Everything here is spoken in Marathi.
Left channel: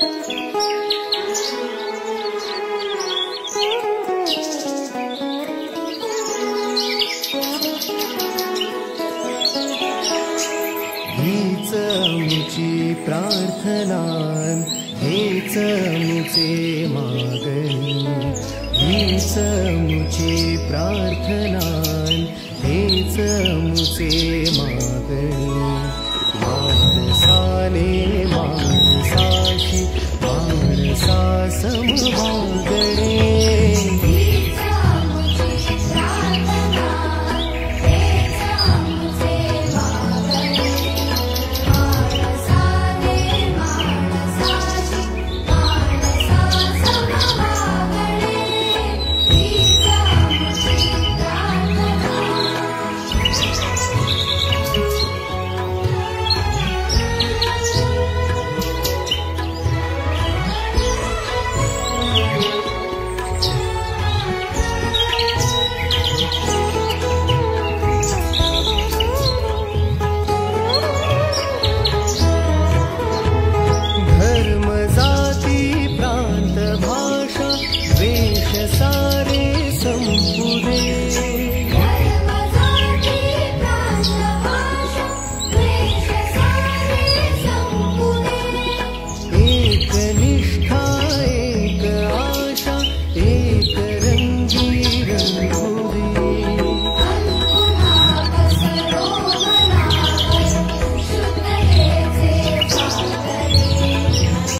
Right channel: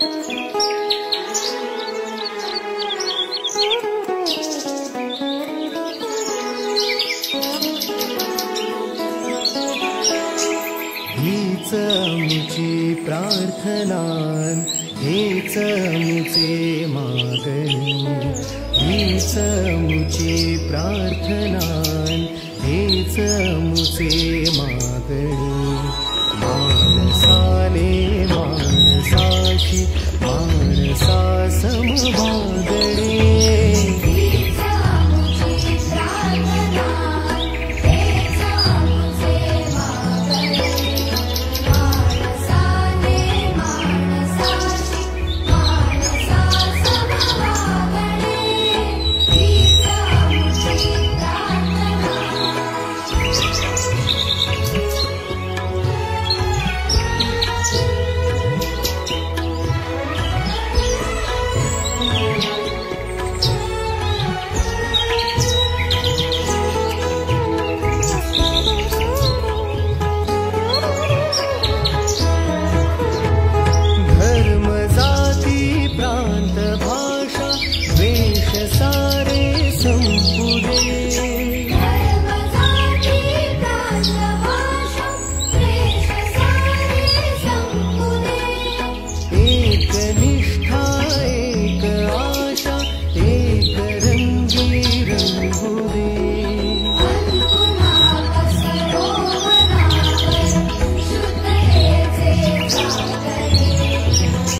हीच मुची प्रार्थना हेच मुचे मागणी हीच मुची प्रार्थना हेच मुचे मागणी माणसाने माणसाशी माणसा समभागणे सारे संपुदे